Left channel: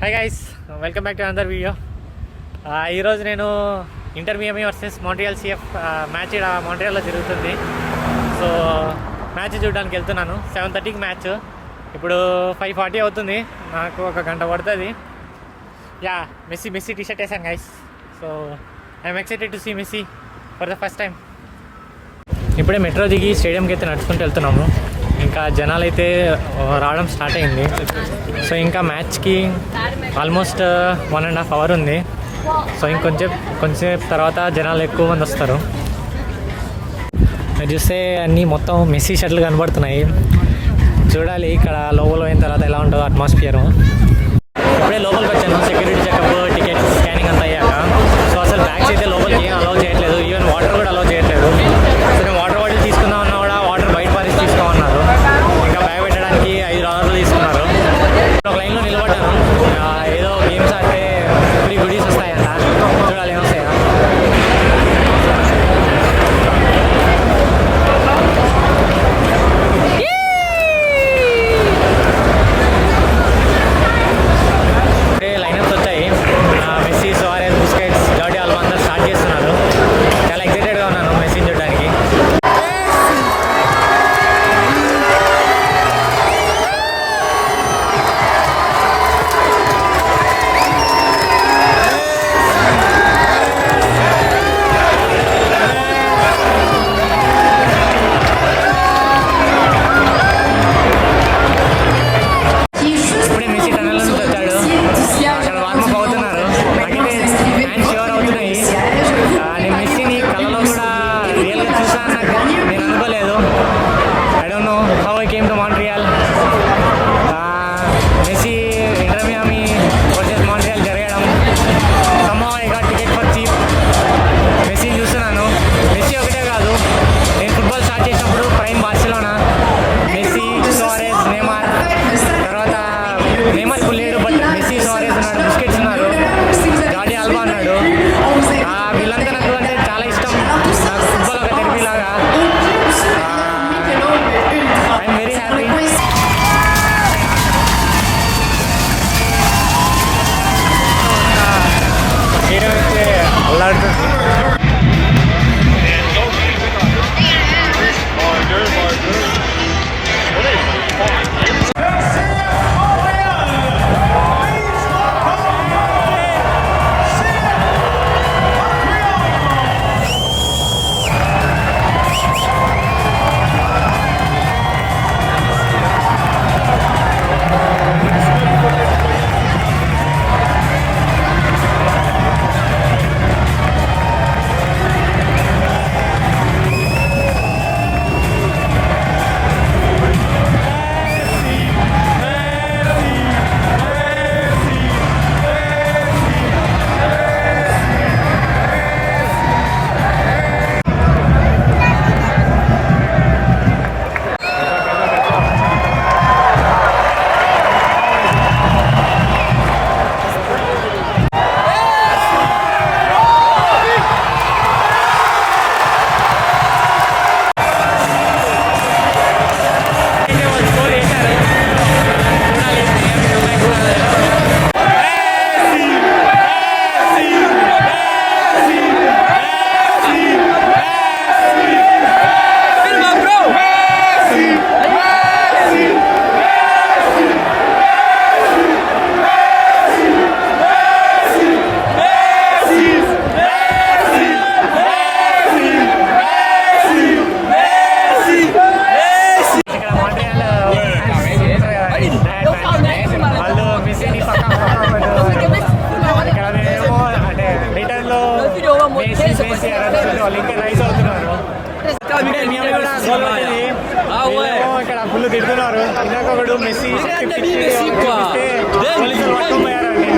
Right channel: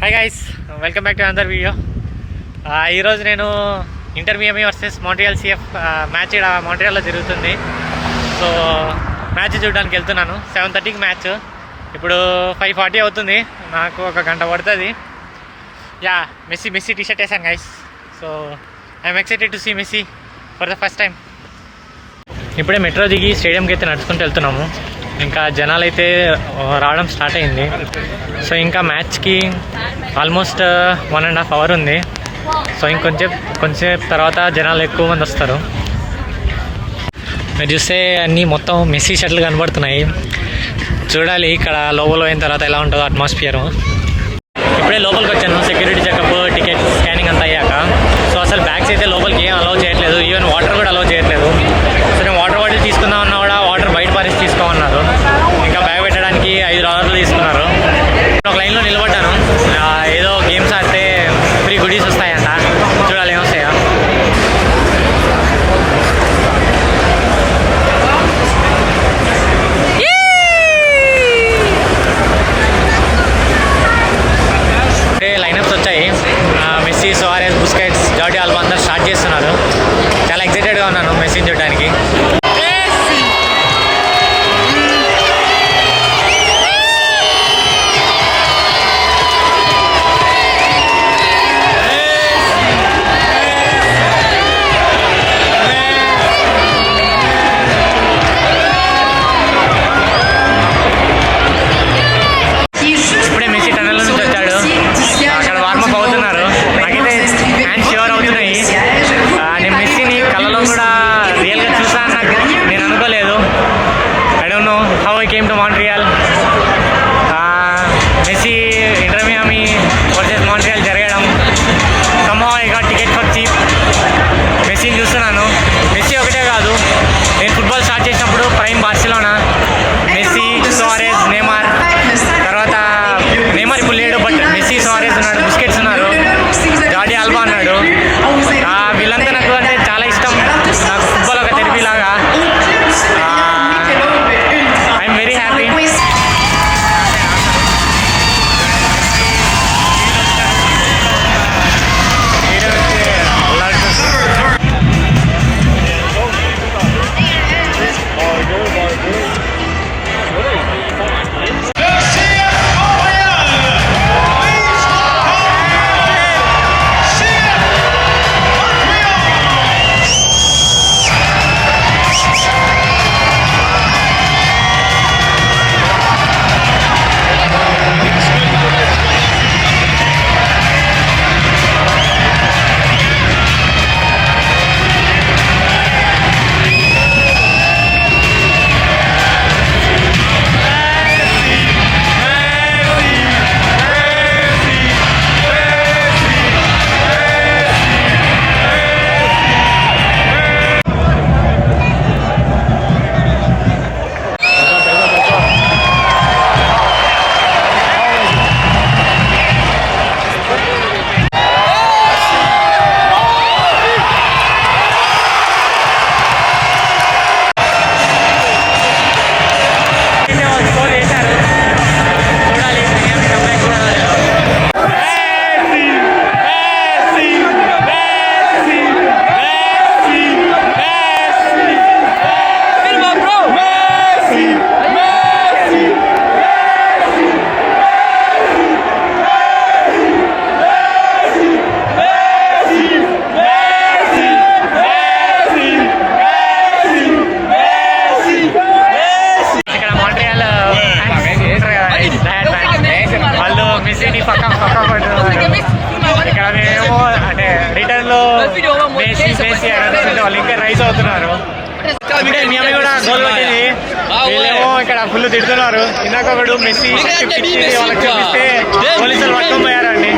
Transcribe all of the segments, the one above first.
Hi guys, welcome back to another video. ఈరోజు నేను Inter Miami versus Montreal CF match ఇక్కడ మాంట్రియాల్లో జరుగుతుంది. సో మ్యాచ్ చూడడానికి వెళ్తున్నాను. 7:30కి మ్యాచ్. ఇప్పుడు 5:40 అవుతుంది. నాకు ఒక గంట పడుతుంది. మెస్సీ టీ షర్ట్ వేసాను guys. So I'm excited to see Messi for the first time. ఇప్పుడే మెట్రో దిగి స్టేడియంకి అయితే నడుచుకుంటూ వెళ్తున్నాము. ఇంకా జనాలు అయితే రావడం స్టార్ట్ అయింది. సో ఇంకా మ్యాచ్కి ఆల్మోస్ట్ 1.5 hours ఉంది. సో కొంచెంసేపు తర్వాత జనాలు ఎక్కువ మంది వస్తారు. మీరు చూస్తే అన్నీ మొత్తం మెస్సీ షర్ట్లు కనబడుతున్నాయి. చూడాలి ఇక్కడ లోపల పోయిన తర్వాత ఎలా ఉంటుందో అట్మాస్ఫియర్. ఇప్పుడే లోపలికి వచ్చాను. సెక్యూరిటీ చెకప్, టికెట్ స్కానింగ్ అంతా అయ్యాక. సో అసలు బ్యాగ్స్ అయితే లోపలికి ఏం అలౌ చేయట్లేదు. ఈవెన్ వాటర్ కూడా అలౌ చేయట్లేదు. సో నేను వాటర్ బాటిల్ తీసుకుందామన్నా కూడా వాటర్ బయట పారేసి తీసుకోమన్నారు. ఇంకా బ్యాగ్ పెట్టడానికి $5 తీసుకున్నారు. ఒక లైన్లో నిలబడ్డాను. ఏదో గేమ్స్ ఆడితే ఫ్రీ గుడీస్ వస్తాయంట. చూడాలి ఏమొస్తాయా. లైనప్స్ వచ్చాయి. Messi, Suarez, Busquets, Jordi Alba అందరూ స్టార్ట్ చేస్తున్నారు. చాలా ఎక్సైటెడ్గా ఉన్నాను మెస్సీని చూడడానికి. Messi Inter Miami versus Montreal జరగడం somehow I got ticket for cheap. మెస్సీని చూస్తున్నాను. మెస్సీ ఒకటే కాదు, నేను ఫుట్బాల్ స్టార్ట్ చేసినప్పుడు prime Barcelona, Messi, Suarez, Neymar, తర్వాత నెయ్మర్ ఇప్పుడు లేడు, బట్ మెస్సీ, సువారెజ్ ఉన్నాడు, బుస్కెట్స్ ఉన్నారు, జార్డీ ఆల్బా ఉన్నాడు. వీళ్ళంతా నాకు అంటే చాలా ఇష్టం. నాకు ఫుట్బాల్ ఒక థెరపీ లాగా. I'm very happy. ఇక్కడ మేమేమో అంటే రిటర్న్లో మెస్సీ అడుగుతుంటే వాళ్ళు ఇంకా రైస్ అవుతున్నారు. అంటే మేము కూడా గోల్ కొట్టింది. వీళ్ళేమో ఇక్కడ ఫుల్ తిడుతున్నారు. ఇందాక ఒకడు మెస్సీ షర్ట్ ఇచ్చి వాళ్ళకి చూపిస్తే పోలీసులు పట్టుకొని పోయారండి.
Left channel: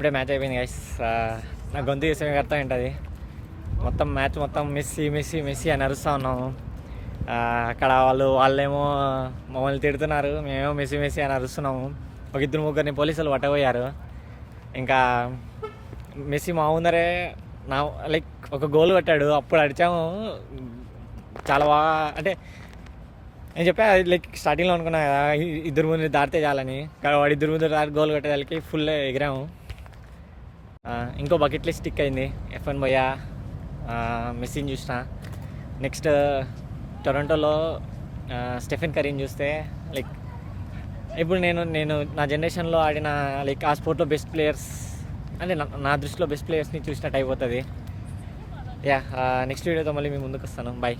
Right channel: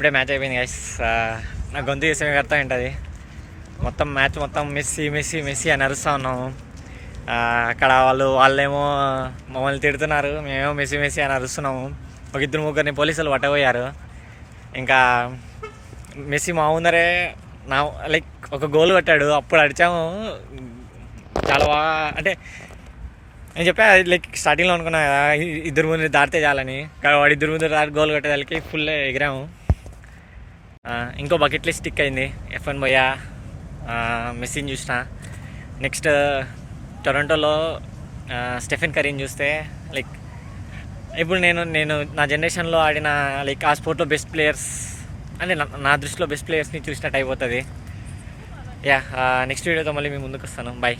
ఇప్పుడే మ్యాచ్ అయిపోయింది గైస్. నా గొంతు చేసే అర్థం ఏంటది. మొత్తం మ్యాచ్ మొత్తం మెస్సీ మెస్సీ మెస్సీ అని అరుస్తూ ఉన్నాము. అక్కడ వాళ్ళేమో మమ్మల్ని తిడుతున్నారు, మేమేమో మెస్సీ మెస్సీ అని అరుస్తున్నాము. ఒక ఇద్దరు ముగ్గురిని పోలీసులు పట్టబోయారు. ఇంకా మెస్సీ మా ముందరే లైక్ ఒక గోల్ కొట్టాడు. అప్పుడు అడిచాము చాలా బాగా. అంటే నేను చెప్పా లైక్ స్టార్టింగ్లో అనుకున్నా కదా ఇద్దరు ముందు దాటితే చాలని, కానీ వాడు ఇద్దరు ముందు దాటి గోల్ కొట్టేదానికి ఫుల్ ఎగిరాము. ఇంకో బకెట్ లిస్ట్ స్టిక్ అయింది. F1 పోయా, మెస్సీని చూసిన. నెక్స్ట్ టొరంటోలో స్టెఫెన్ కరీని చూస్తే లైక్ ఇప్పుడు నేను నా జనరేషన్లో ఆడిన లైక్ ఆ స్పోర్ట్లో బెస్ట్ ప్లేయర్స్ అంటే నా దృష్టిలో బెస్ట్ ప్లేయర్స్ని చూసినట్టు అయిపోతుంది. నెక్స్ట్ వీడియోతో మళ్ళీ మీ ముందుకు వస్తాను. బాయ్.